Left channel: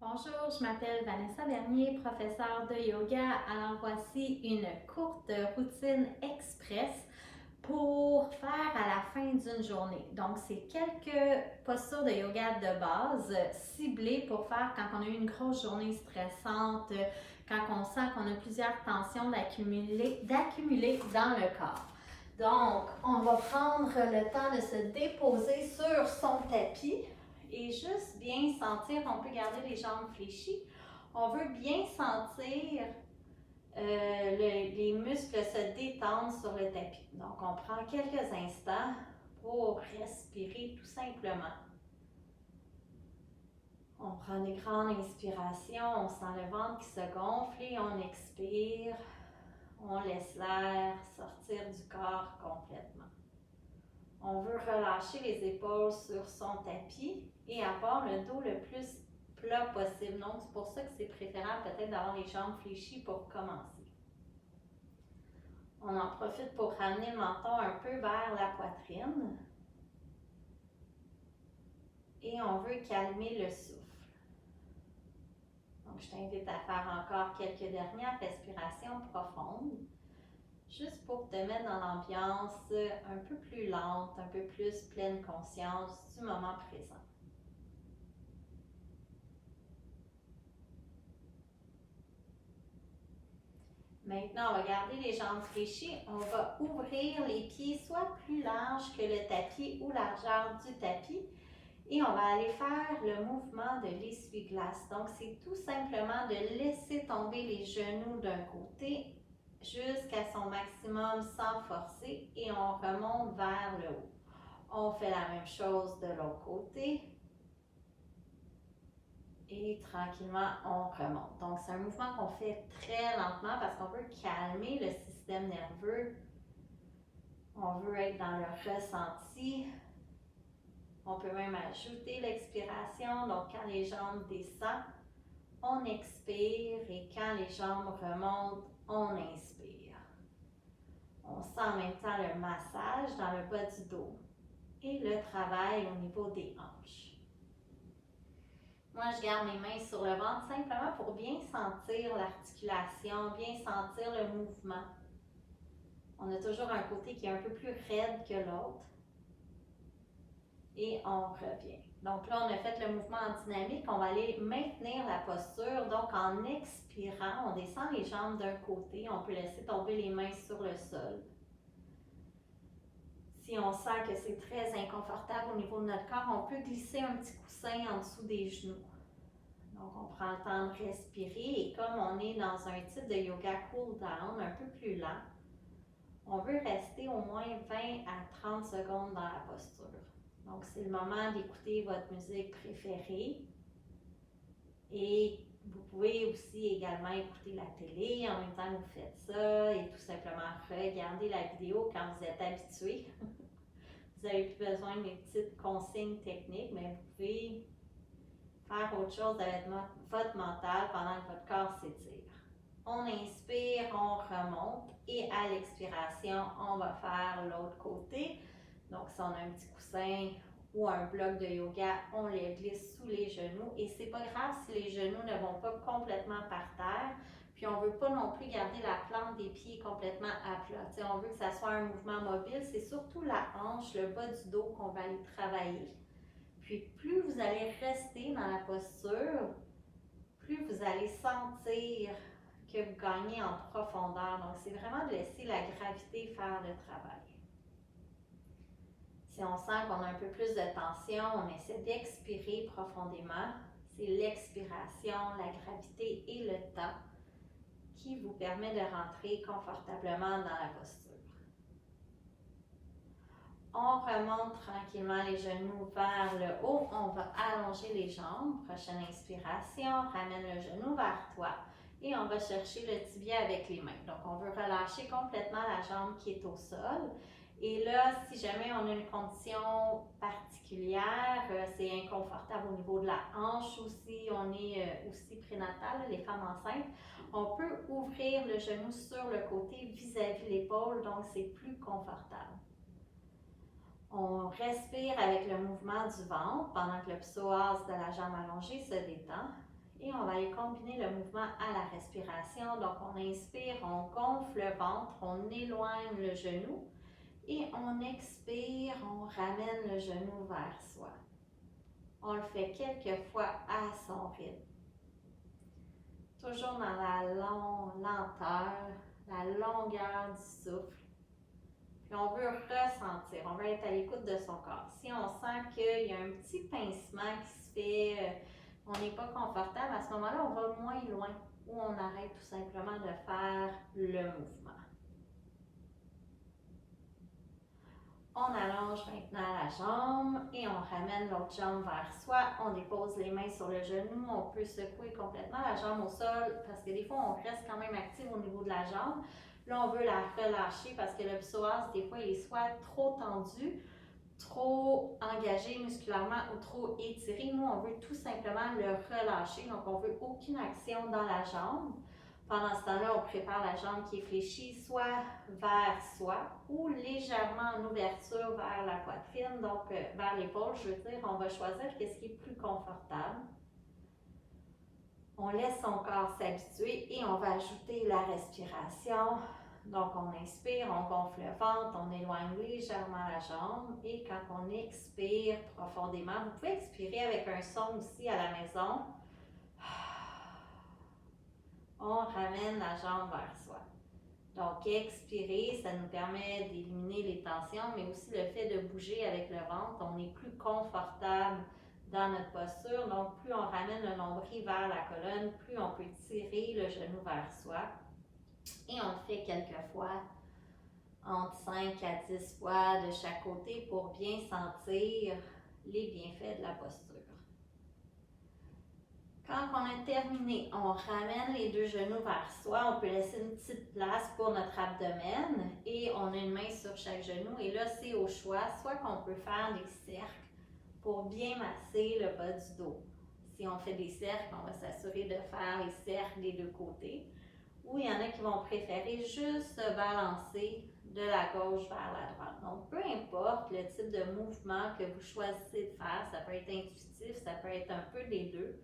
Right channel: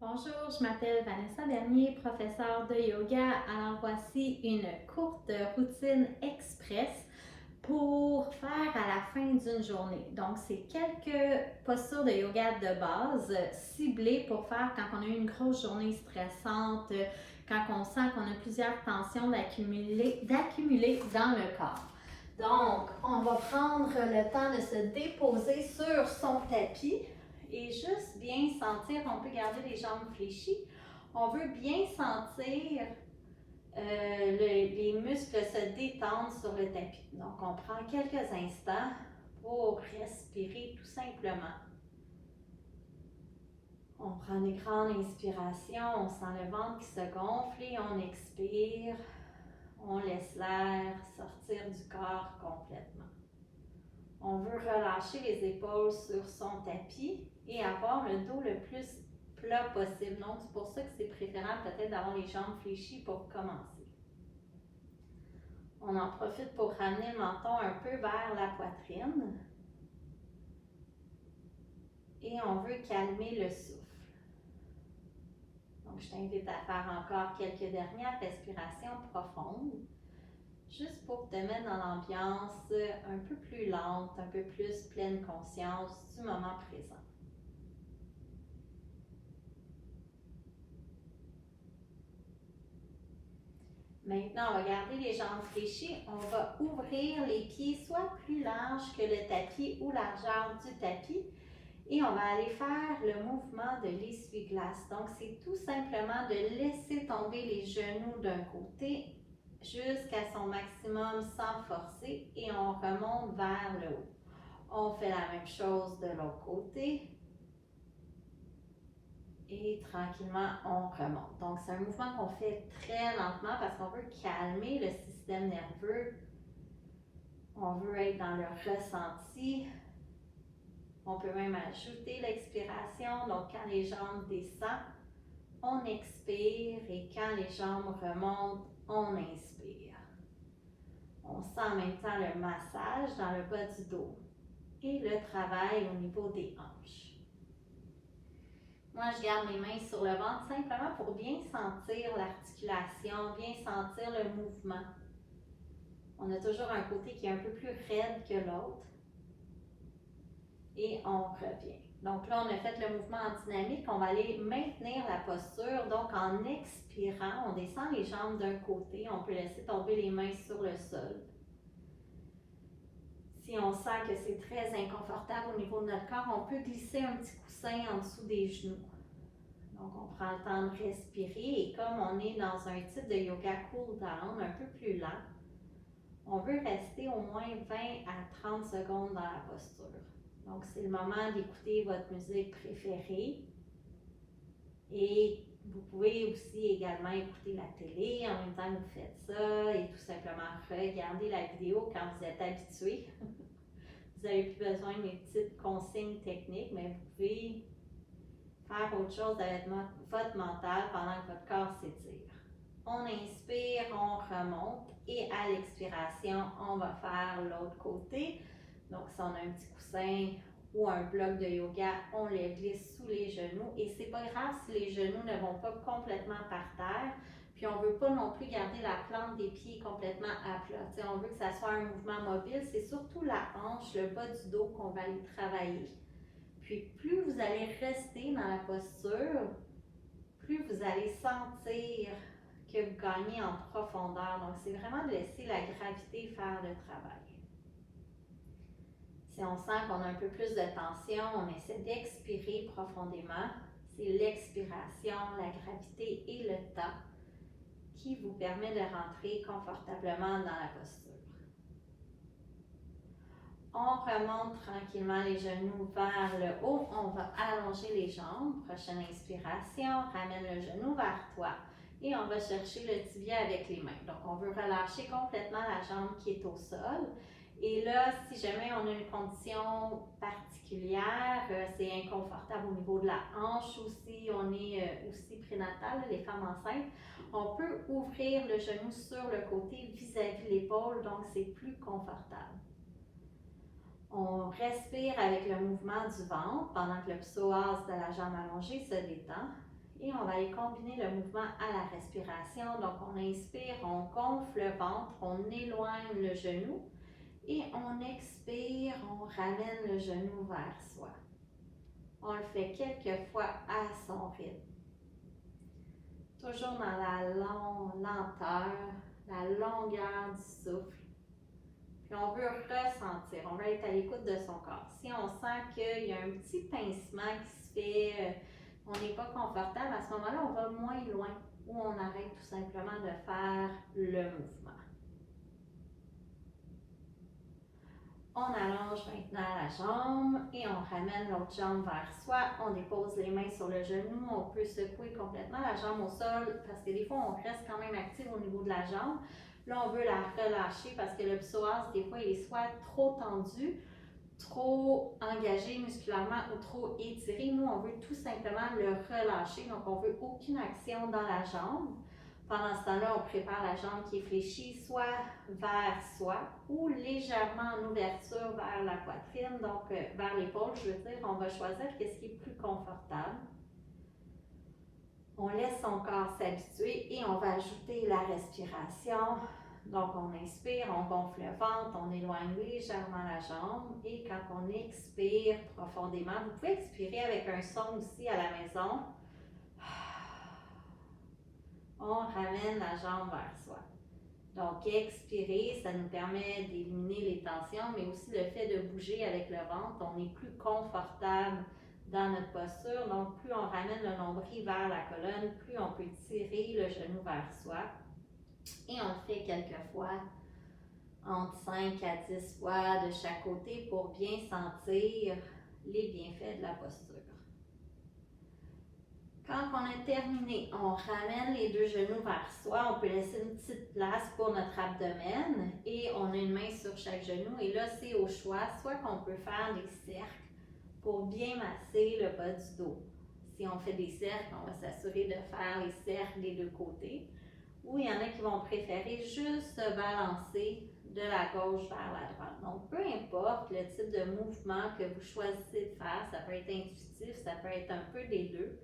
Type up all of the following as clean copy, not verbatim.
Bonjour, je m'appelle Vanessa Bernier, professeure de yoga. Alors voici une courte routine express pour faire à la fin d'une journée. Donc c'est quelques postures de yoga de base ciblées pour faire quand on a eu une grosse journée stressante, quand on sent qu'on a plusieurs tensions d'accumuler dans le corps. Donc, on va prendre le temps de se déposer sur son tapis et juste bien sentir, on peut garder les jambes fléchies. On veut bien sentir les muscles se détendre sur le tapis. Donc, on prend quelques instants pour respirer tout simplement. On prend des grandes inspirations, on sent le ventre qui se gonfle et on expire. On laisse l'air sortir du corps complètement. On veut relâcher les épaules sur son tapis et avoir le dos le plus plat possible. Donc, c'est pour ça que c'est préférable peut-être d'avoir les jambes fléchies pour commencer. On en profite pour ramener le menton un peu vers la poitrine. Et on veut calmer le souffle. Donc, je t'invite à faire encore quelques dernières respirations profondes. Juste pour te mettre dans l'ambiance un peu plus lente, un peu plus pleine conscience du moment présent. Maintenant, on va garder les jambes fléchies. On va ouvrir les pieds soit plus larges que le tapis ou largeur du tapis. Et on va aller faire le mouvement de l'essuie-glace. Donc, c'est tout simplement de laisser tomber les genoux d'un côté jusqu'à son maximum sans forcer et on remonte vers le haut. On fait la même chose de l'autre côté. Et tranquillement, on remonte. Donc, c'est un mouvement qu'on fait très lentement parce qu'on veut calmer le système nerveux. On veut être dans le ressenti. On peut même ajouter l'expiration. Donc, quand les jambes descendent, on expire et quand les jambes remontent, on inspire. On sent en même temps le massage dans le bas du dos et le travail au niveau des hanches. Moi, je garde mes mains sur le ventre simplement pour bien sentir l'articulation, bien sentir le mouvement. On a toujours un côté qui est un peu plus raide que l'autre. Et on revient. Donc là, on a fait le mouvement en dynamique. On va aller maintenir la posture. Donc, en expirant, on descend les jambes d'un côté. On peut laisser tomber les mains sur le sol. Si on sent que c'est très inconfortable au niveau de notre corps, on peut glisser un petit coussin en dessous des genoux. Donc, on prend le temps de respirer et comme on est dans un type de yoga cool down, un peu plus lent, on veut rester au moins 20 à 30 secondes dans la posture. Donc, c'est le moment d'écouter votre musique préférée et vous pouvez aussi également écouter la télé en même temps que vous faites ça et tout simplement regarder la vidéo quand vous êtes habitué. Vous n'avez plus besoin des petites consignes techniques, mais vous pouvez faire autre chose avec votre mental pendant que votre corps s'étire. On inspire, on remonte et à l'expiration, on va faire l'autre côté. Donc, si on a un petit coussin ou un bloc de yoga, on les glisse sous les genoux. Et c'est pas grave si les genoux ne vont pas complètement par terre. Puis, on veut pas non plus garder la plante des pieds complètement à plat. T'sais, on veut que ça soit un mouvement mobile. C'est surtout la hanche, le bas du dos qu'on va aller travailler. Puis, plus vous allez rester dans la posture, plus vous allez sentir que vous gagnez en profondeur. Donc, c'est vraiment de laisser la gravité faire le travail. Si on sent qu'on a un peu plus de tension, on essaie d'expirer profondément. C'est l'expiration, la gravité et le temps qui vous permet de rentrer confortablement dans la posture. On remonte tranquillement les genoux vers le haut. On va allonger les jambes. Prochaine inspiration, ramène le genou vers toi. Et on va chercher le tibia avec les mains. Donc, on veut relâcher complètement la jambe qui est au sol. Et là, si jamais on a une condition particulière, c'est inconfortable au niveau de la hanche aussi, on est aussi prénatal, les femmes enceintes, on peut ouvrir le genou sur le côté vis-à-vis l'épaule, donc c'est plus confortable. On respire avec le mouvement du ventre pendant que le psoas de la jambe allongée se détend. Et on va aller combiner le mouvement à la respiration. Donc, on inspire, on gonfle le ventre, on éloigne le genou. Et on expire, on ramène le genou vers soi. On le fait quelques fois à son rythme. Toujours dans la lenteur, la longueur du souffle. Puis on veut ressentir, on veut être à l'écoute de son corps. Si on sent qu'il y a un petit pincement qui se fait, on n'est pas confortable, à ce moment-là, on va moins loin ou on arrête tout simplement de faire le mouvement. On allonge maintenant la jambe et on ramène l'autre jambe vers soi. On dépose les mains sur le genou. On peut secouer complètement la jambe au sol parce que des fois, on reste quand même actif au niveau de la jambe. Là, on veut la relâcher parce que le psoas, des fois, il est soit trop tendu, trop engagé musculairement ou trop étiré. Nous, on veut tout simplement le relâcher. Donc, on veut aucune action dans la jambe. Pendant ce temps-là, on prépare la jambe qui est fléchie, soit vers soi ou légèrement en ouverture vers la poitrine, donc vers l'épaule, je veux dire. On va choisir ce qui est plus confortable. On laisse son corps s'habituer et on va ajouter la respiration. Donc, on inspire, on gonfle le ventre, on éloigne légèrement la jambe et quand on expire profondément, vous pouvez expirer avec un son aussi à la maison. On ramène la jambe vers soi. Donc, expirer, ça nous permet d'éliminer les tensions, mais aussi le fait de bouger avec le ventre. On est plus confortable dans notre posture. Donc, plus on ramène le nombril vers la colonne, plus on peut tirer le genou vers soi. Et on le fait quelques fois, entre 5 à 10 fois de chaque côté pour bien sentir les bienfaits de la posture. Quand on a terminé, on ramène les deux genoux vers soi. On peut laisser une petite place pour notre abdomen et on a une main sur chaque genou. Et là, c'est au choix, soit qu'on peut faire des cercles pour bien masser le bas du dos. Si on fait des cercles, on va s'assurer de faire les cercles des deux côtés. Ou il y en a qui vont préférer juste se balancer de la gauche vers la droite. Donc, peu importe le type de mouvement que vous choisissez de faire, ça peut être intuitif, ça peut être un peu des deux.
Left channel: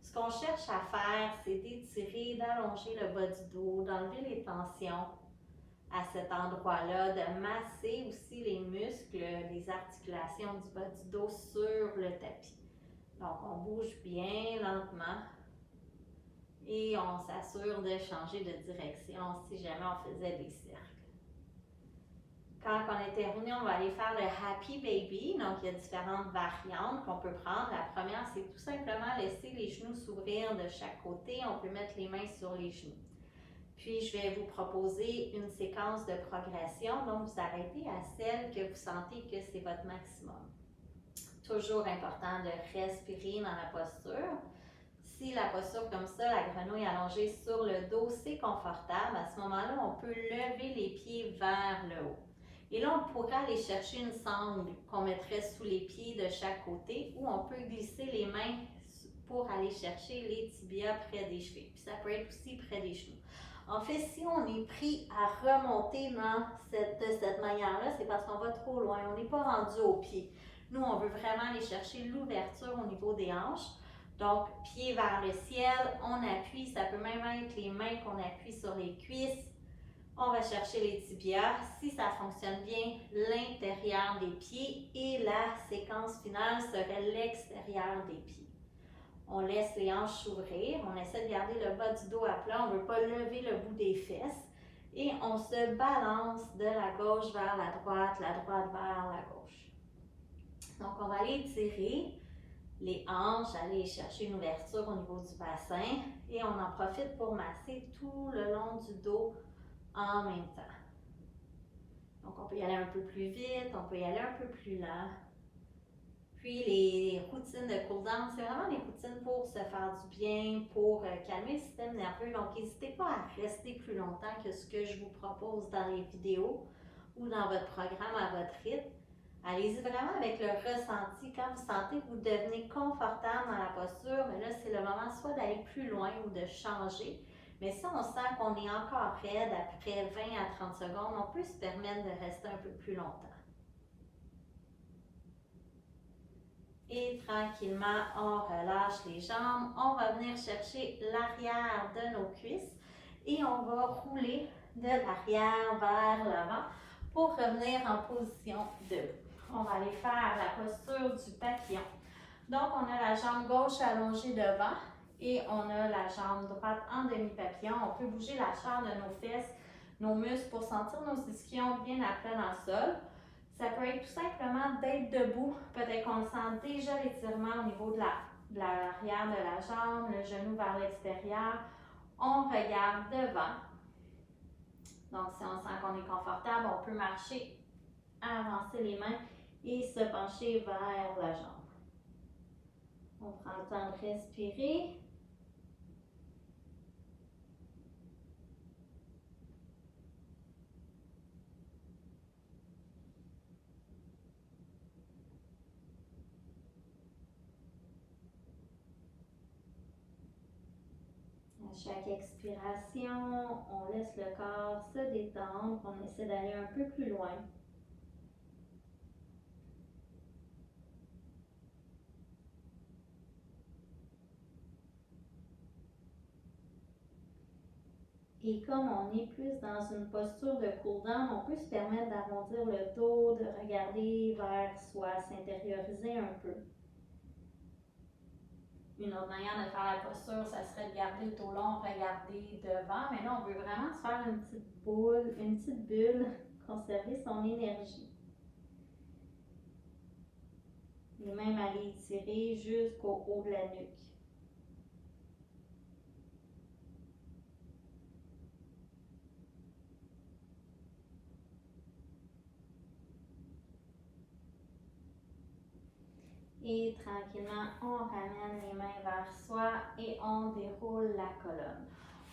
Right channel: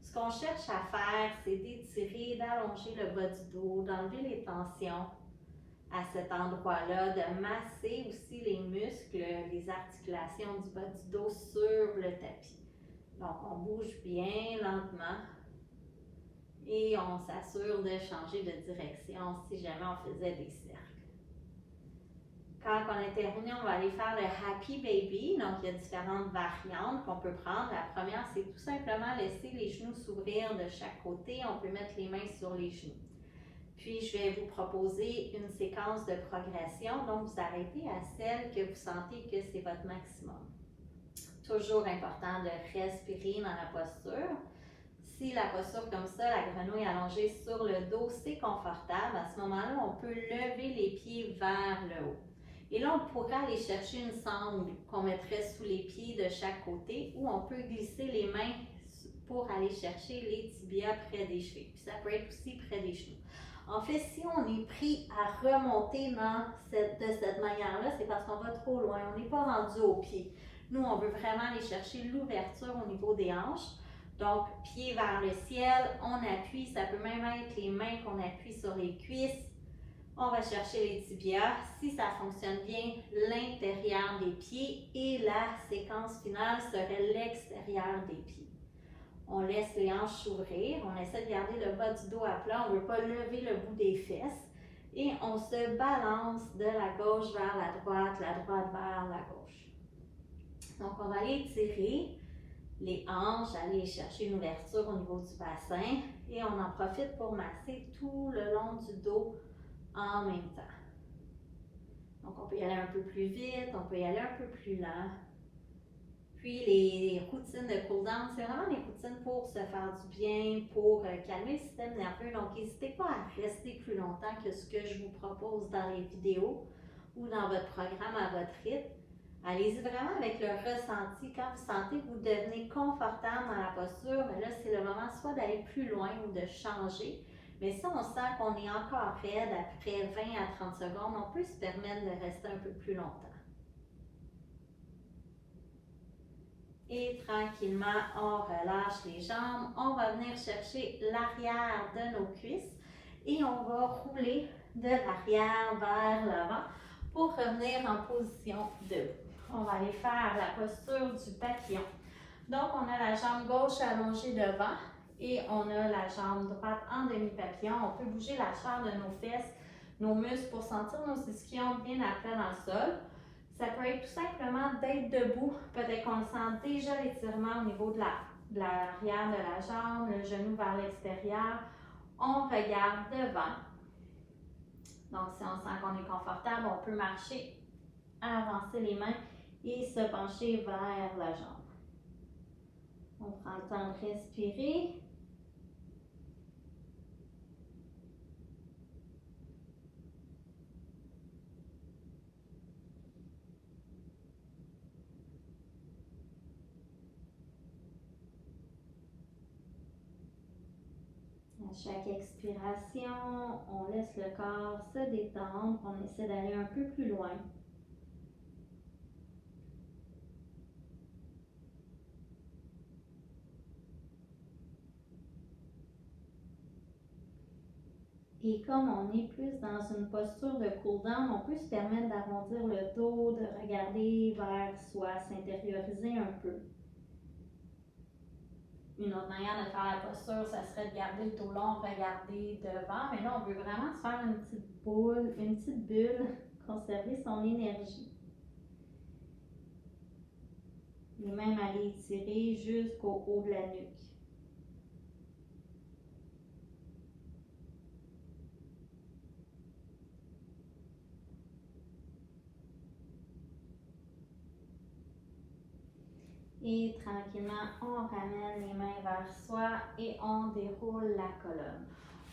Ce qu'on cherche à faire, c'est d'étirer, d'allonger le bas du dos, d'enlever les tensions à cet endroit-là, de masser aussi les muscles, les articulations du bas du dos sur le tapis. Donc, on bouge bien lentement et on s'assure de changer de direction si jamais on faisait des cercles. Quand on est terminé, on va aller faire le Happy Baby. Donc, il y a différentes variantes qu'on peut prendre. La première, c'est tout simplement laisser les genoux s'ouvrir de chaque côté. On peut mettre les mains sur les genoux. Puis, je vais vous proposer une séquence de progression. Donc, vous arrêtez à celle que vous sentez que c'est votre maximum. Toujours important de respirer dans la posture. Si la posture comme ça, la grenouille allongée sur le dos, c'est confortable, à ce moment-là, on peut lever les pieds vers le haut. Et là, on pourrait aller chercher une sangle qu'on mettrait sous les pieds de chaque côté ou on peut glisser les mains pour aller chercher les tibias près des chevilles. Puis ça peut être aussi près des genoux. En fait, si on est pris à remonter de cette manière-là, c'est parce qu'on va trop loin. On n'est pas rendu au pied. Nous, on veut vraiment aller chercher l'ouverture au niveau des hanches. Donc, pied vers le ciel, on appuie. Ça peut même être les mains qu'on appuie sur les cuisses. On va chercher les tibias. Si ça fonctionne bien, l'intérieur des pieds et la séquence finale serait l'extérieur des pieds. On laisse les hanches s'ouvrir. On essaie de garder le bas du dos à plat. On ne veut pas lever le bout des fesses. Et on se balance de la gauche vers la droite vers la gauche. Donc, on va aller étirer les hanches, aller chercher une ouverture au niveau du bassin et on en profite pour masser tout le long du dos en même temps. Donc, on peut y aller un peu plus vite, on peut y aller un peu plus lent. Puis, les routines de cool-down, c'est vraiment des routines pour se faire du bien, pour calmer le système nerveux. Donc, n'hésitez pas à rester plus longtemps que ce que je vous propose dans les vidéos ou dans votre programme à votre rythme. Allez-y vraiment avec le ressenti. Quand vous sentez que vous devenez confortable dans la posture, mais là, c'est le moment soit d'aller plus loin ou de changer. Mais si on sent qu'on est encore raide après 20 à 30 secondes, on peut se permettre de rester un peu plus longtemps. Et tranquillement, on relâche les jambes. On va venir chercher l'arrière de nos cuisses et on va rouler de l'arrière vers l'avant pour revenir en position debout. On va aller faire la posture du papillon. Donc, on a la jambe gauche allongée devant et on a la jambe droite en demi-papillon. On peut bouger la chair de nos fesses, nos muscles pour sentir nos ischions bien à plat dans le sol. Ça peut être tout simplement d'être debout. Peut-être qu'on sent déjà l'étirement au niveau de l'arrière de la jambe, le genou vers l'extérieur. On regarde devant. Donc, si on sent qu'on est confortable, on peut marcher, avancer les mains et se pencher vers la jambe. On prend le temps de respirer. À chaque expiration, on laisse le corps se détendre. On essaie d'aller un peu plus loin. Et comme on est plus dans une posture de cool-down, on peut se permettre d'arrondir le dos, de regarder vers soi, s'intérioriser un peu. Une autre manière de faire la posture, ça serait de garder le dos long, regarder devant. Mais là, on veut vraiment se faire une petite boule, une petite bulle, conserver son énergie. Et même aller étirer jusqu'au haut de la nuque. Et tranquillement, on ramène les mains vers soi et on déroule la colonne.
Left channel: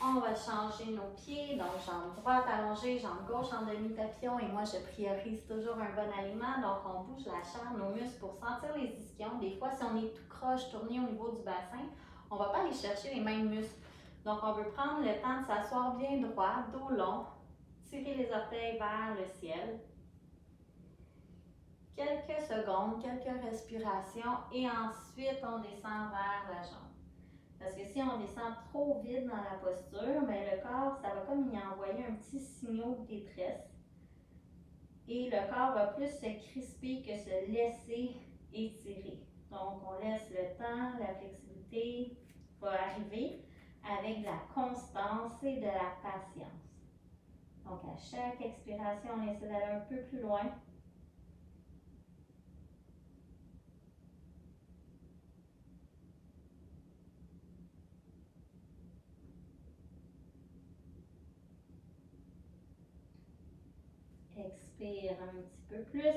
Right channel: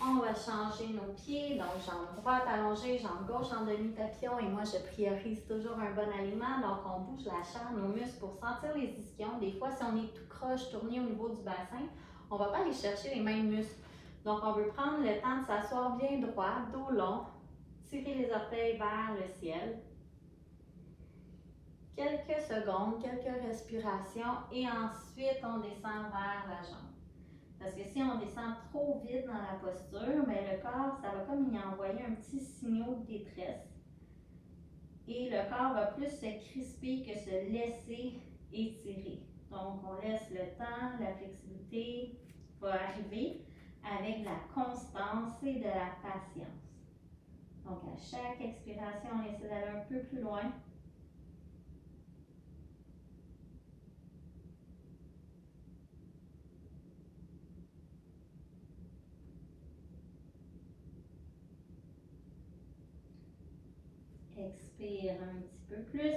On va changer nos pieds, donc jambe droite allongée, jambe gauche en demi-papillon. Et moi, je priorise toujours un bon alignement. Donc, on bouge la chair, nos muscles pour sentir les ischions. Des fois, si on est tout croche, tourné au niveau du bassin, on ne va pas aller chercher les mêmes muscles. Donc, on veut prendre le temps de s'asseoir bien droit, dos long, tirer les orteils vers le ciel. Quelques secondes, quelques respirations et ensuite on descend vers la jambe. Parce que si on descend trop vite dans la posture, bien, le corps, ça va comme y envoyer un petit signal de détresse. Et le corps va plus se crisper que se laisser étirer. Donc on laisse le temps, la flexibilité va arriver avec de la constance et de la patience. Donc à chaque expiration, on essaie d'aller un peu plus loin. Expire un petit peu plus.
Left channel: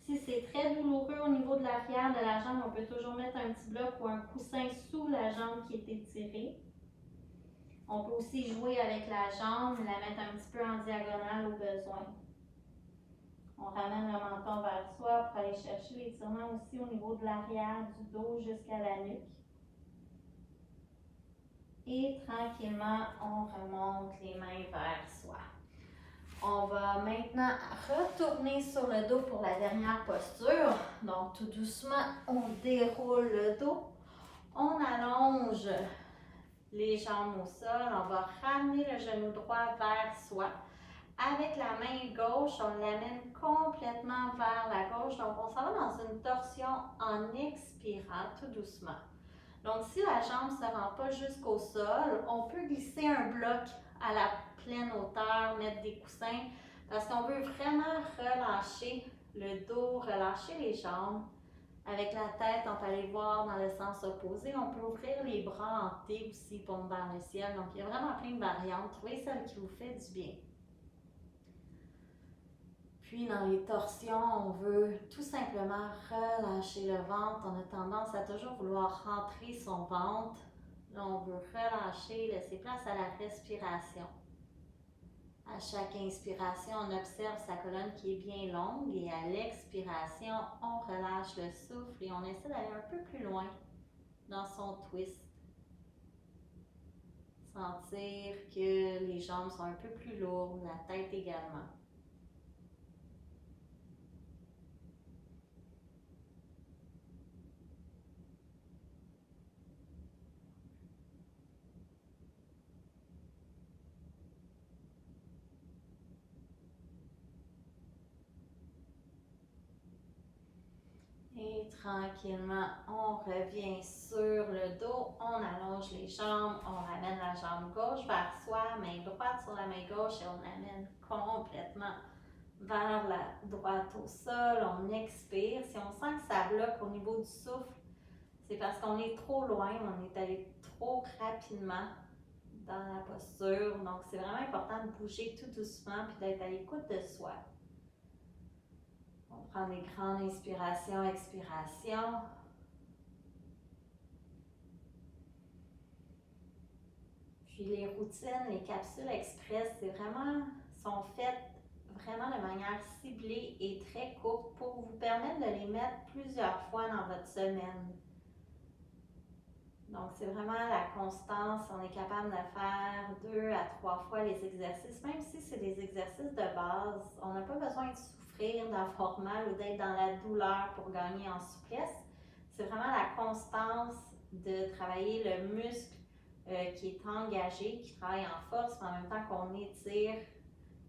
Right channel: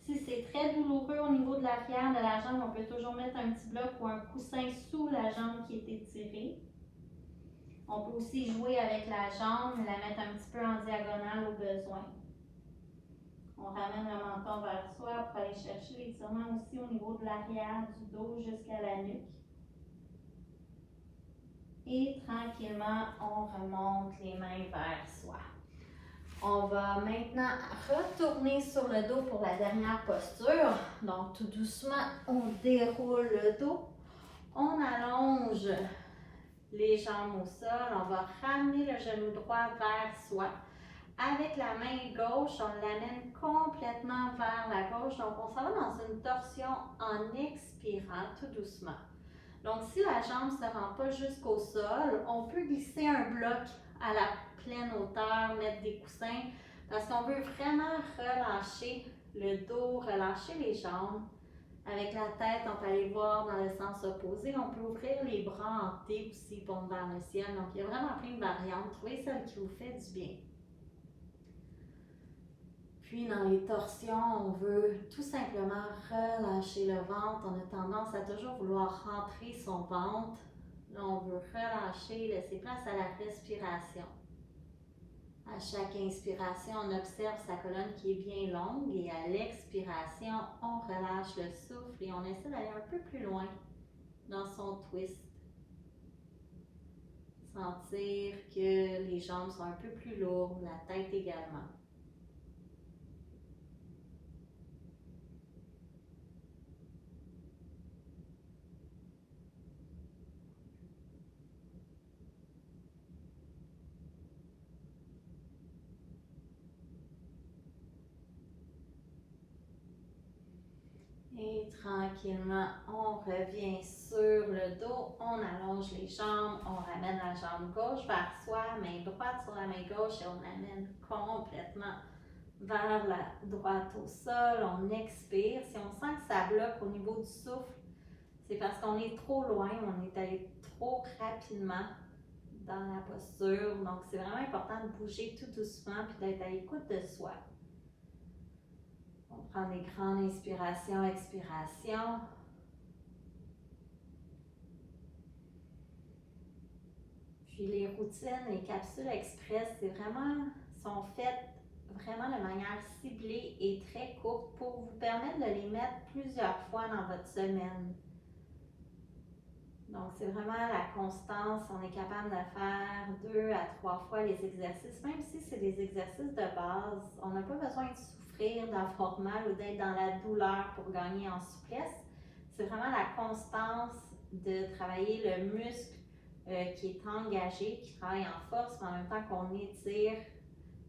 Si c'est très douloureux au niveau de l'arrière de la jambe, on peut toujours mettre un petit bloc ou un coussin sous la jambe qui est étirée. On peut aussi jouer avec la jambe, la mettre un petit peu en diagonale au besoin. On ramène le menton vers soi pour aller chercher l'étirement aussi au niveau de l'arrière du dos jusqu'à la nuque. Et tranquillement, on remonte les mains vers soi. On va maintenant retourner sur le dos pour la dernière posture. Donc, tout doucement, on déroule le dos. On allonge les jambes au sol. On va ramener le genou droit vers soi. Avec la main gauche, on l'amène complètement vers la gauche. Donc, on s'en va dans une torsion en expirant tout doucement. Donc, si la jambe ne se rend pas jusqu'au sol, on peut glisser un bloc à la pleine hauteur, mettre des coussins, parce qu'on veut vraiment relâcher le dos, relâcher les jambes. Avec la tête, on peut aller voir dans le sens opposé. On peut ouvrir les bras en T aussi, pompe vers le ciel. Donc, il y a vraiment plein de variantes. Trouvez celle qui vous fait du bien. Puis, dans les torsions, on veut tout simplement relâcher le ventre. On a tendance à toujours vouloir rentrer son ventre. Là, on veut relâcher, laisser place à la respiration. À chaque inspiration, on observe sa colonne qui est bien longue et à l'expiration, on relâche le souffle et on essaie d'aller un peu plus loin dans son twist. Sentir que les jambes sont un peu plus lourdes, la tête également. tranquillement, on revient sur le dos, on allonge les jambes, on ramène la jambe gauche vers soi, main droite sur la main gauche et on l'amène complètement vers la droite au sol. On expire. Si on sent que ça bloque au niveau du souffle, c'est parce qu'on est trop loin, on est allé trop rapidement dans la posture. Donc, c'est vraiment important de bouger tout doucement puis d'être à l'écoute de soi. On prend des grandes inspirations, expirations. Puis les routines, les capsules express, sont faites vraiment de manière ciblée et très courte pour vous permettre de les mettre plusieurs fois dans votre semaine. Donc, c'est vraiment la constance. On est capable de faire 2 à 3 fois les exercices, même si c'est des exercices de base. On n'a pas besoin de souffrir, d'avoir mal ou d'être dans la douleur pour gagner en souplesse. C'est vraiment la constance de travailler le muscle qui est engagé, qui travaille en force, mais en même temps qu'on étire.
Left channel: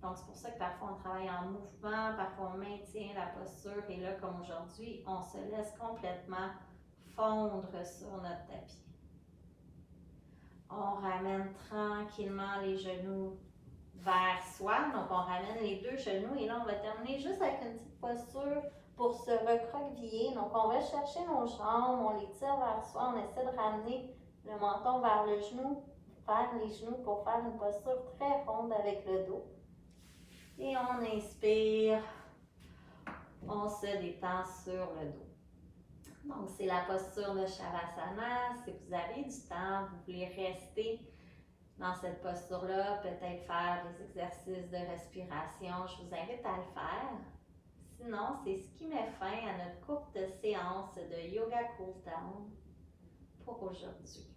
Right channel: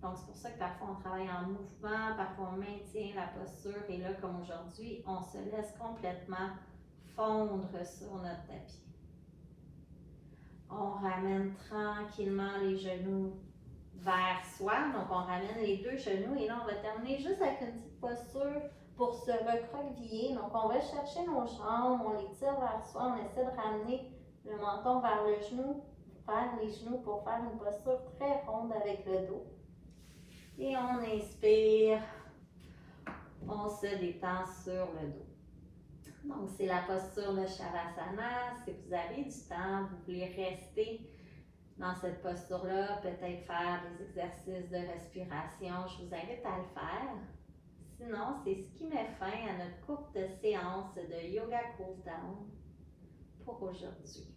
Donc, c'est pour ça que parfois on travaille en mouvement, parfois on maintient la posture. Et là, comme aujourd'hui, on se laisse complètement fondre sur notre tapis. On ramène tranquillement les genoux vers soi. Donc, on ramène les 2 genoux. Et là, on va terminer juste avec une petite posture pour se recroqueviller. Donc, on va chercher nos jambes, on les tire vers soi. On essaie de ramener le menton vers le genou, vers les genoux pour faire une posture très ronde avec le dos. Et on inspire. On se détend sur le dos. Donc, c'est la posture de Shavasana. Si vous avez du temps, vous voulez rester dans cette posture-là, peut-être faire des exercices de respiration, je vous invite à le faire. Sinon, c'est ce qui met fin à notre courte séance de Yoga Cool Down pour aujourd'hui.